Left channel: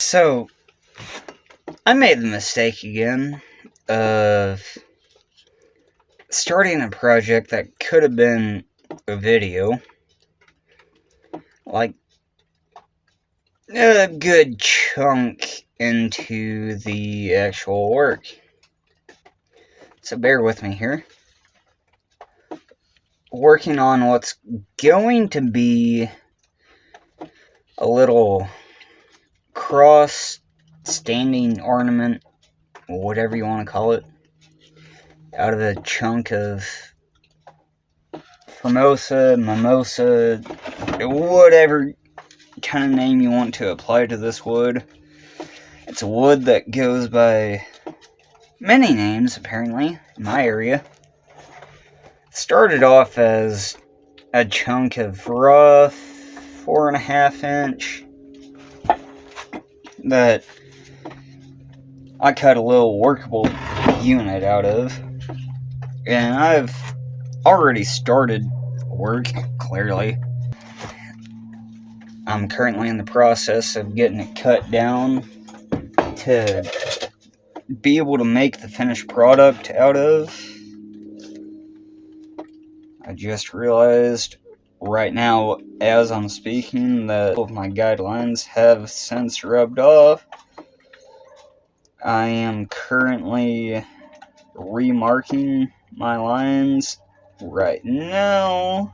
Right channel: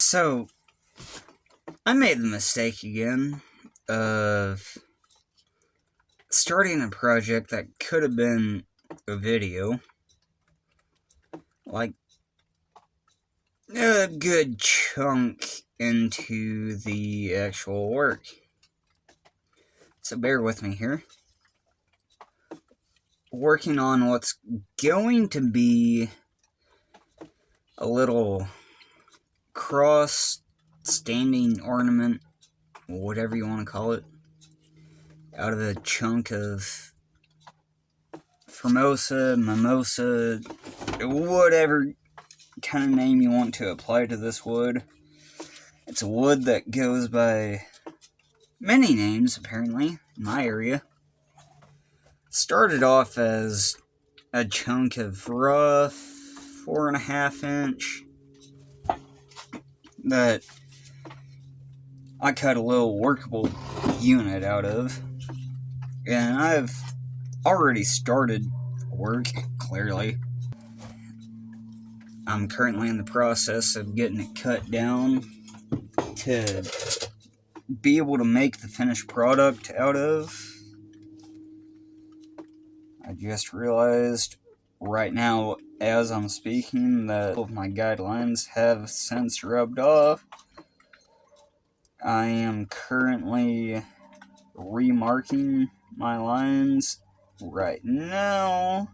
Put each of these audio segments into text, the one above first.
So, I made the mistake again of starting a project that could have been a video. Like, a good chunk into the actual work. So bear with me here. Working on what's going to be a little cross standing ornament, whatever you want to call it, out of a chunk of Formosa, Mimosa, whatever kind of name you want to apply to this wood. It's a wood that goes by many names, apparently, in my area. Started off as a chunk of rough 4.5 inch that I cut a little workable unit out of. And I've already started work, clearly. I'm currently in the process of getting it cut down to be able to make the finished product out of. I just realized right now, as I'm speaking, that all of my guidelines have since rubbed off. I am currently remarking my lines right now,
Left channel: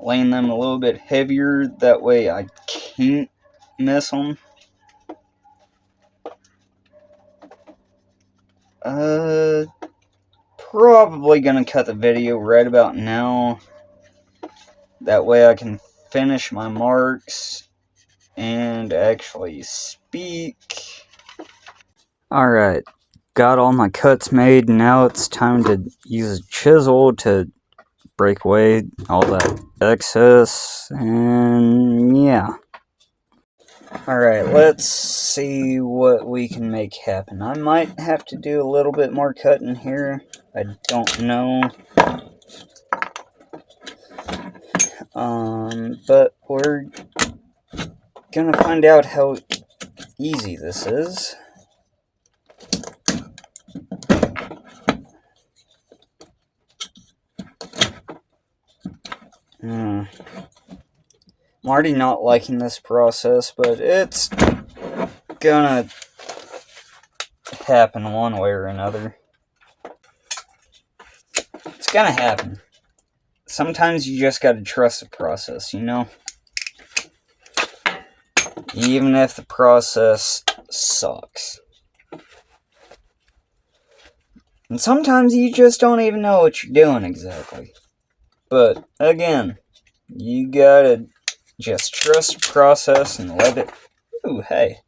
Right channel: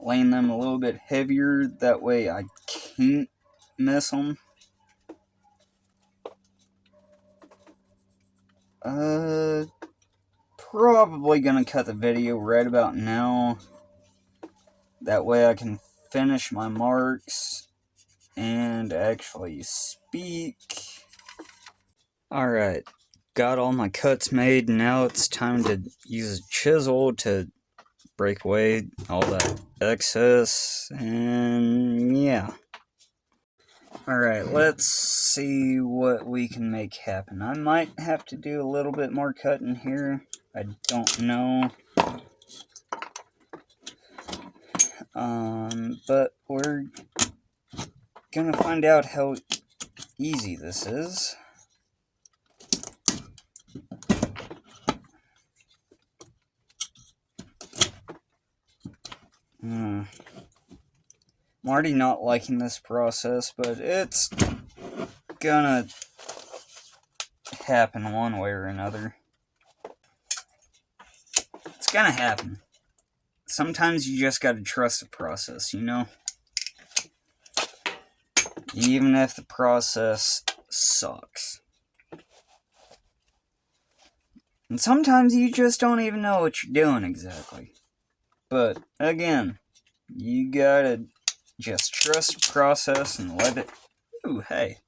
laying them a little bit heavier, that way I can't miss them. Probably gonna cut the video right about now, that way I can finish my marks and actually speak. Alright, got all my cuts made. Now it's time to use a chisel to break away all that excess, and yeah. Alright, let's see what we can make happen. I might have to do a little bit more cutting here. I don't know. But we're gonna find out how easy this is. I'm already not liking this process, but it's gonna happen one way or another. It's gonna happen. Sometimes you just gotta trust the process, you know? Even if the process sucks. And sometimes you just don't even know what you're doing exactly. But, again, you gotta just trust the process and let it... Ooh, hey.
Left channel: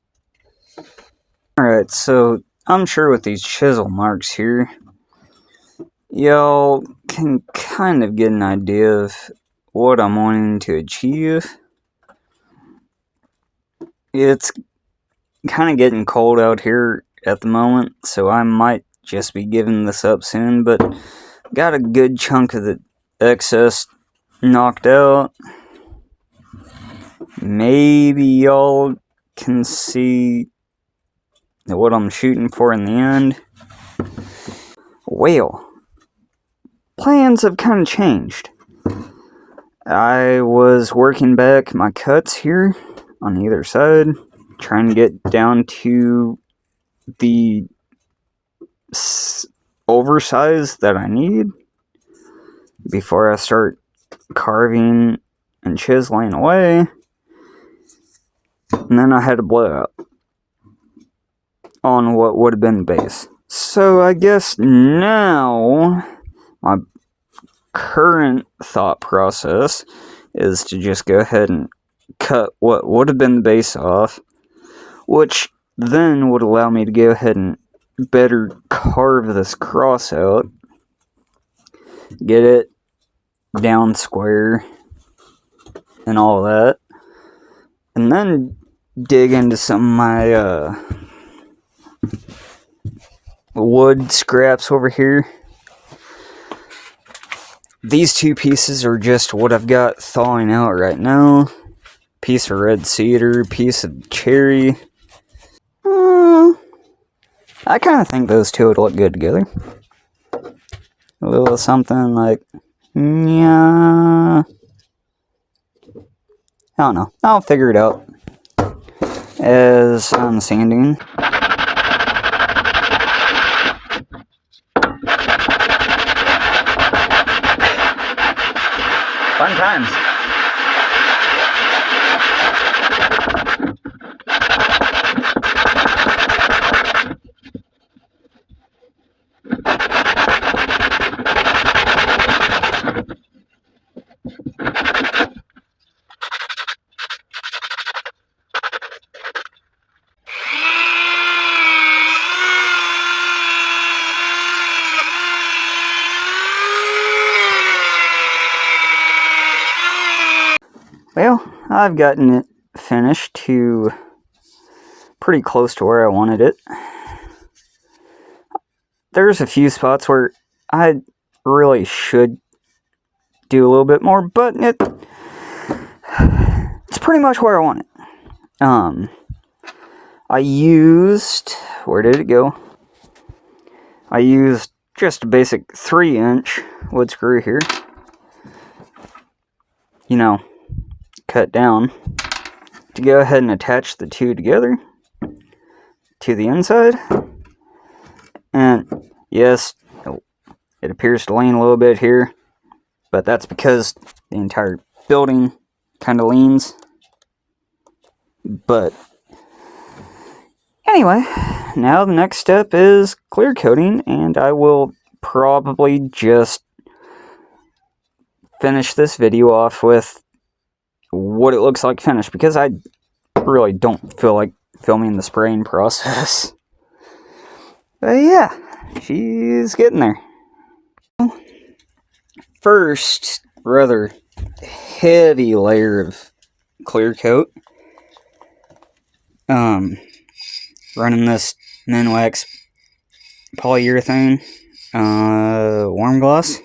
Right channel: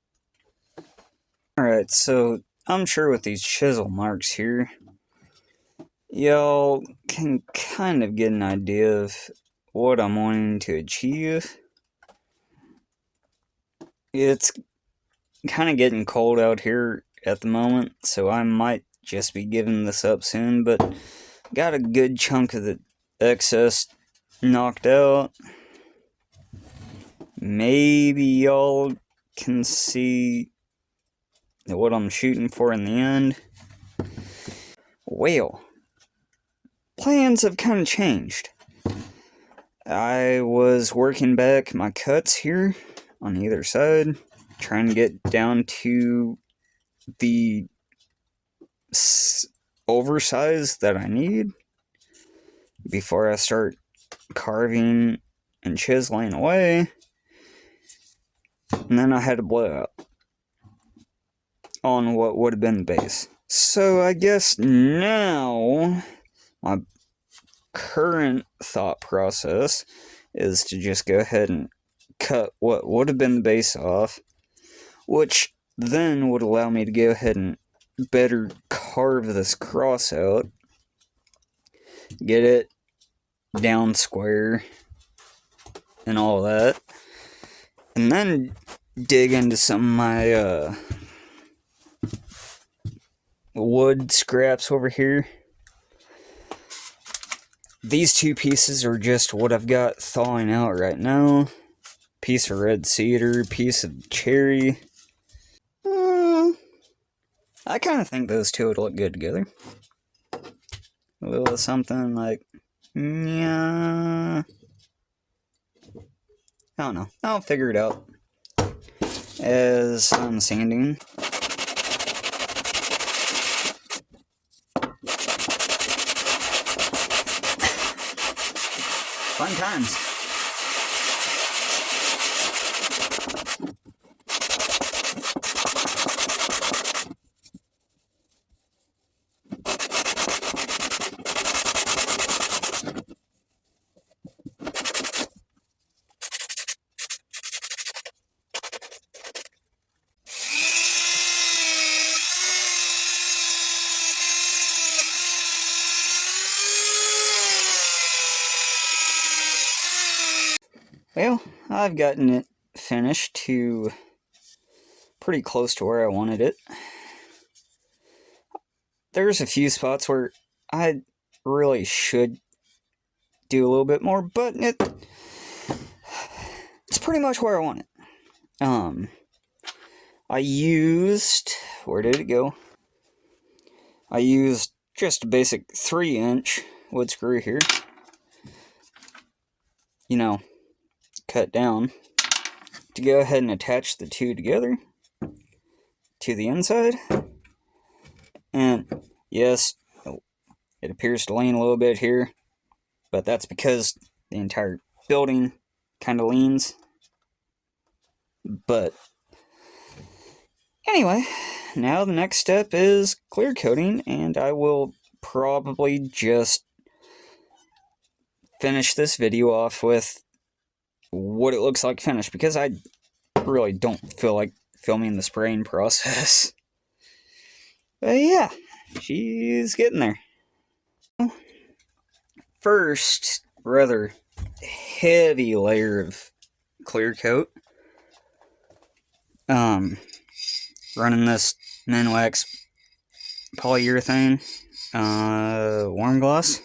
Alright, so I'm sure with these chisel marks here, y'all can kind of get an idea of what I'm wanting to achieve. It's kind of getting cold out here at the moment, so I might just be giving this up soon, but got a good chunk of the excess knocked out. Maybe y'all can see what I'm shooting for in the end. Well, plans have kind of changed. I was working back my cuts here on either side, trying to get down to the oversize that I need before I start carving and chiseling away. And then I had a blowout on what would have been the base. So I guess now my current thought process is to just go ahead and cut what would have been the base off, which then would allow me to go ahead and better carve this cross out, get it down square and all that, and then dig into some of my wood scraps over here. These two pieces are just what I've got thawing out right now. piece of red cedar, piece of cherry. I kind of think those two would look good together. A little something like, yeah. I don't know. I'll figure it out as I'm sanding. Fun times. Well, I've gotten it finished to pretty close to where I wanted it. There's a few spots where I really should do a little bit more, but it's pretty much where I want it. I used, where did it go? I used just a basic 3-inch wood screw here. You know, cut down to go ahead and attach the two together to the inside. And yes, it appears to lean a little bit here, but that's because the entire building kind of leans. But anyway, now the next step is clear coating, and I will probably just finish this video off with what it looks like finished, because I really don't feel like filming the spraying process. But yeah, she's getting there. First, rather heavy layer of clear coat. Running this Minwax polyurethane warm gloss.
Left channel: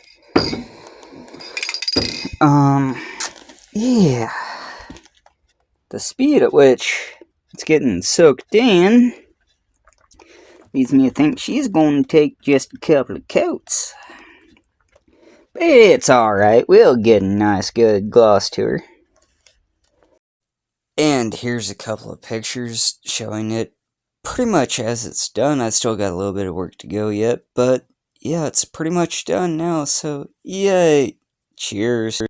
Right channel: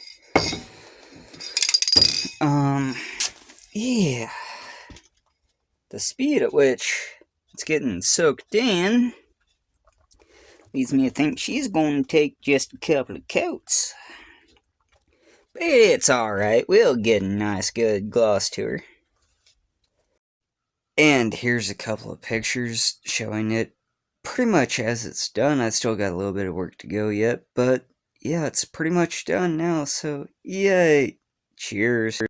Yeah. The speed at which it's getting soaked in leads me to think she's going to take just a couple of coats. But it's alright, we'll get a nice good gloss to her. And here's a couple of pictures showing it pretty much as it's done. I still got a little bit of work to go yet, but yeah, it's pretty much done now, so yay! Cheers.